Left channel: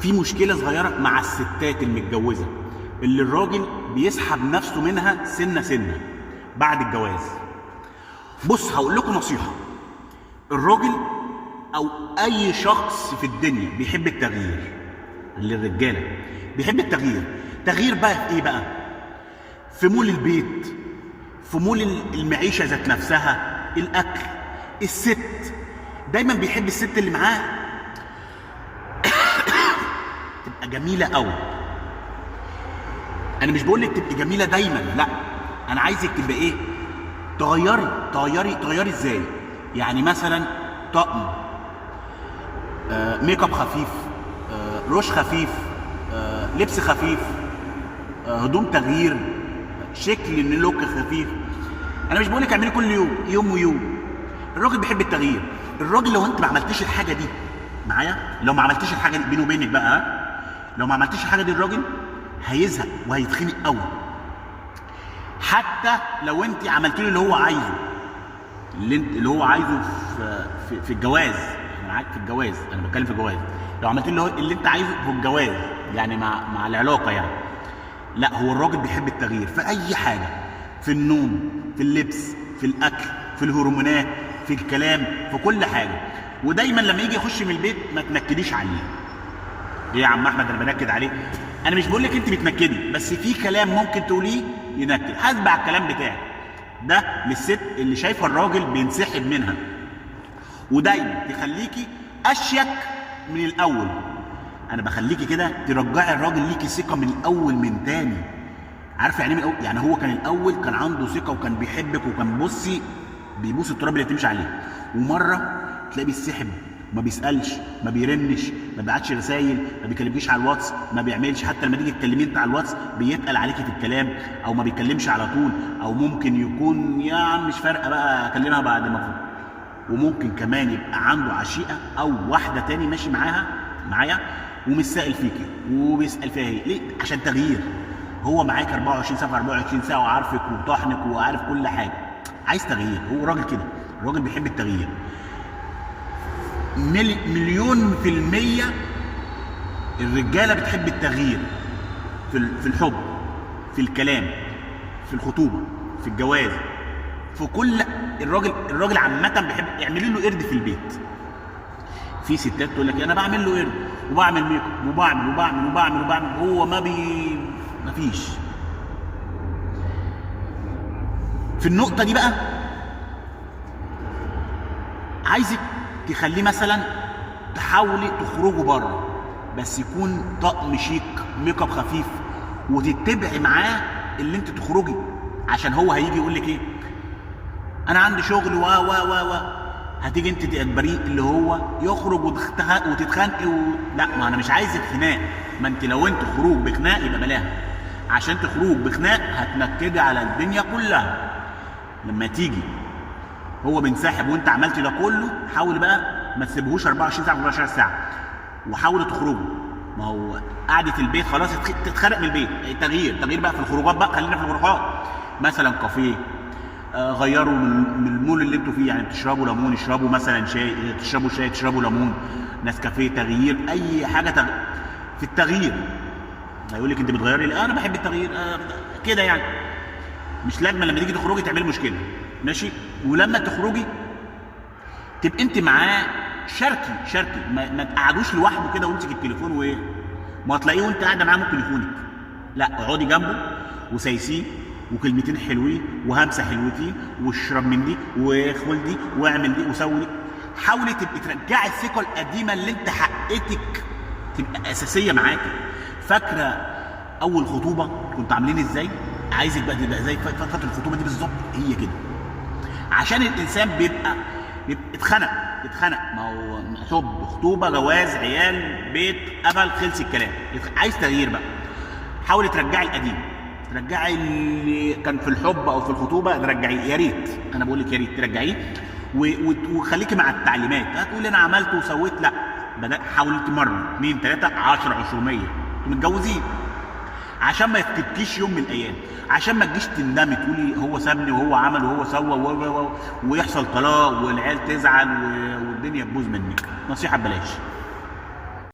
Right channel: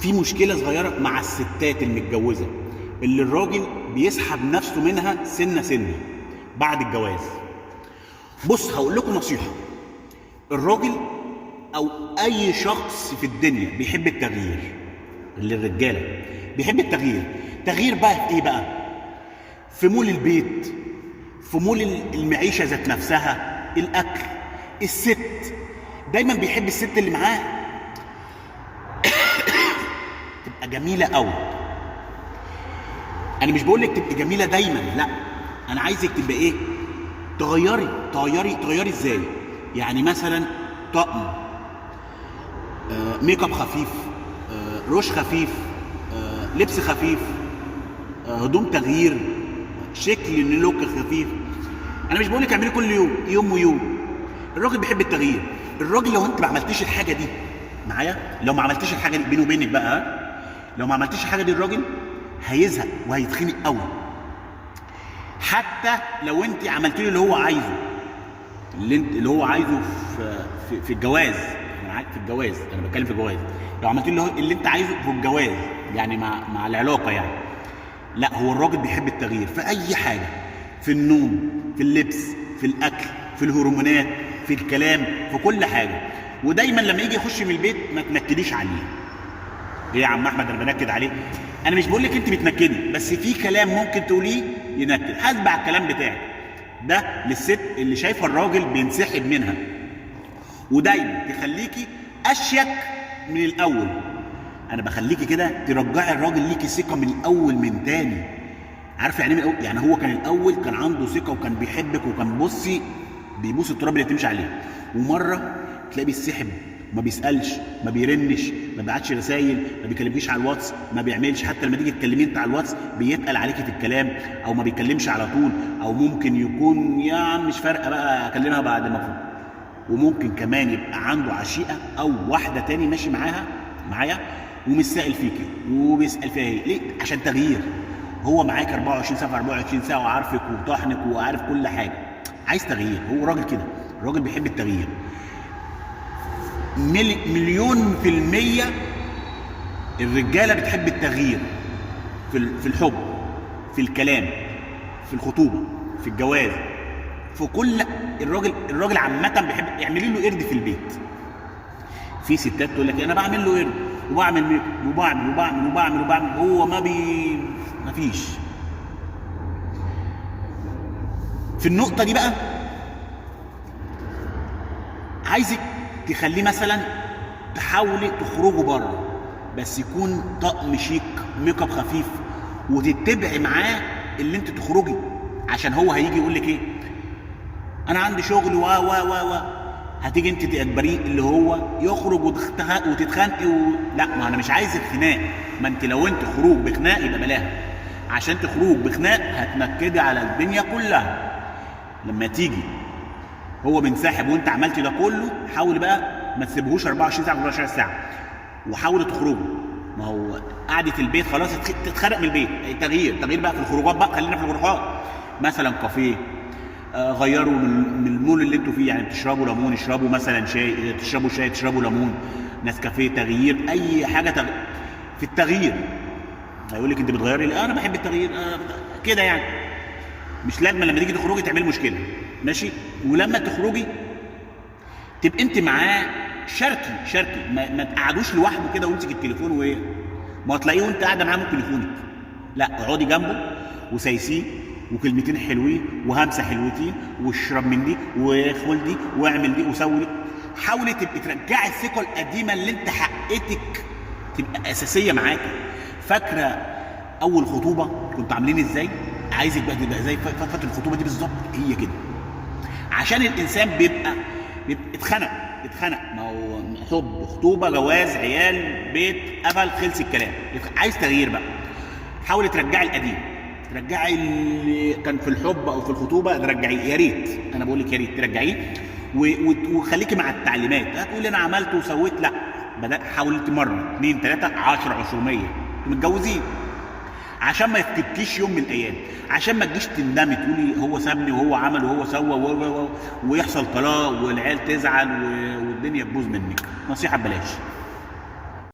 في مشكله صغيره مع الستات المتجوزه اللي الراجل بيسحب نفسه منها سنه سنه بعد الجواز. بص هقول لكم نصيحه، الراجل او اي شخص في الدنيا بيحب التغيير، اللي الرجاله بيحب التغيير. تغيير بقى في ايه بقى؟ في مول البيت، في مول المعيشه ذات نفسها، الاكل، الست. دايما بيحب الست اللي معاه تبقى جميله قوي. انا مش بقول لك تبقي جميله دايما، لا، انا عايزك تبقى ايه؟ تغيري ازاي؟ يعني مثلا طقم، ميك اب خفيف، روش خفيف، لبس خفيف، هدوم تغيير، شكل لوك خفيف. انا مش بقول لك اعملي كل يوم ويوم. الراجل بيحب التغيير. الراجل لو انت ما عملتيش الحاجه دي معايا، لو ما عملتيش الحاجه دي بيني وبينك بقى، لو ما عملتيش الحاجه دي الراجل هيزهق وهيتخنق قوي. حتى لو انت عملتي له اللي هو عايزه، اللي هو عايزه في الجواز، انا معاك في الجواز، انا بتكلم في الجواز. لو عملت له اللي انت عايزه في الجواز، يعني مع العلاقه يعني، لا، هو الراجل بيحب التغيير في اي حاجه، في النوم، في اللبس، في الاكل، في الهرمونات، في الكلام، في كل حاجه. ودايما لما يجي يخش من البيت ما تنكديش عليه. ليه يا عم احمد انا بنكد عليه؟ انا مش بقول لك انت بتنكدي، بس في كلام ممكن تقوليه ينكد. حاسب على الكلام بتاعك ده للست اللي شايفه الراجل بينسحب منها، ودايما تخليكي اشيك من الاول. انا بخليكي كده ترجعي الراجل ليكي ثقه من الاول من تاني. عارفه يعني ايه؟ يعني هو كان الاول كان عنده ثقه وكان بيحبك وكان بصي بيبوس التراب اللي تمشي عليه، ومره تلاقيه بيسحب، ما بيسالش، ما بيرنش، ما بيبعتش رسايل، ما بيكلمكيش على الواتس، ما بيعملش. حتى لما تيجي تكلميه انت على الواتس بيتقل عليكي في الكلام، او ما بيكلمش على طول، او ممكن يكون يا عم مش فارقه بقى اكلمها بعد ما فوق. وممكن كمان يبقى عنده عشيقه او واحده تاني ماشي معايا ومش سائل فيكي وبيسال فيها ايه. ليه؟ عشان تغيير. هو معاك 24 ساعه 24 ساعه وعارفك وطاحنك وعارف كل حاجه. عايز تغيير. هو راجل كده، الراجل بيحب التغيير. مليون في المية الرجالة بتحب التغيير في الحب، في الكلام، في الخطوبة، في الجواز، في كل. الراجل عامة بيحب. اعملي له قرد في البيت. في ستات تقول لك انا بعمل له قرد وبعمل ميك اب وبعمل، هو ما فيش. في النقطة دي بقى عايزك تخليه مثلا تحاولي تخرجوا بره، بس يكون طقم شيك، ميك اب خفيف، وتتبعي معاه اللي انت تخرجي. عشان هو هيجي يقول لك ايه؟ انا عندي شغل و هتيجي انت تقبريه اللي هو يخرج وتتخانقي لا، ما انا مش عايز الخناق. ما انت لو انت خروج بخناق يبقى بلاها. عشان تخرج بخناق هتنكدي على الدنيا كلها. لما تيجي هو بينسحب وانت عملتي ده كله، حاول بقى ما تسيبهوش 24 ساعه 24 ساعه، وحاولوا تخرجوا. ما هو قعده البيت خلاص تتخرق من البيت. تغيير بقى في الخروجات بقى. خلينا في الخروجات، مثلا كافيه، غيروا من المول اللي انتوا فيه. يعني بتشربوا ليمون، اشربوا مثلا شاي، تشربوا ليمون، نسكافيه. تغيير، اي حاجه في التغيير. هيقول لك انت بتغيري ليه؟ انا بحب التغيير كده يعني. مش لازم لما تيجي تخرجي تعملي مشكله، ماشي؟ ولما تخرجي تبقى انت معاه، شاركي. ما تقعدوش لوحده كده وامسك التليفون وايه، ما هتلاقيه وانت قاعده معاه ممكن يخونك. لا، اقعدي جنبه وسايسيه وكلمتين حلوين وهمسه حلوتين واشرب من دي وخد دي واعمل دي وسوي دي. حاولي تبقي ترجعي الثقه القديمه اللي انت حقتك تبقى اساسيه معاكي. فاكره اول خطوبه كنتوا عاملين ازاي؟ عايزك بقى تبقى زي فتره الخطوبه دي بالظبط، هي كده. عشان الانسان بيبقى اتخنق. ما هو حب، خطوبه، جواز، عيال، بيت، قفل، خلص الكلام. عايز تغيير بقى. حاولي ترجعي القديم، ترجعي اللي كان في الحب او في الخطوبه، ترجعيه. يا ريت، انا بقول لك يا ريت ترجعيه وخليكي مع التعليمات. هتقولي انا عملت وسويت، لا، حاولت مره 2 3 10 200. انتوا متجوزين عشان ما يفتكيش يوم من الايام، عشان ما تجيش تندمي تقولي هو سابني وهو عمل وهو سوى ويحصل طلاق والعيال تزعل والدنيا تبوظ منك. نصيحه ببلاش.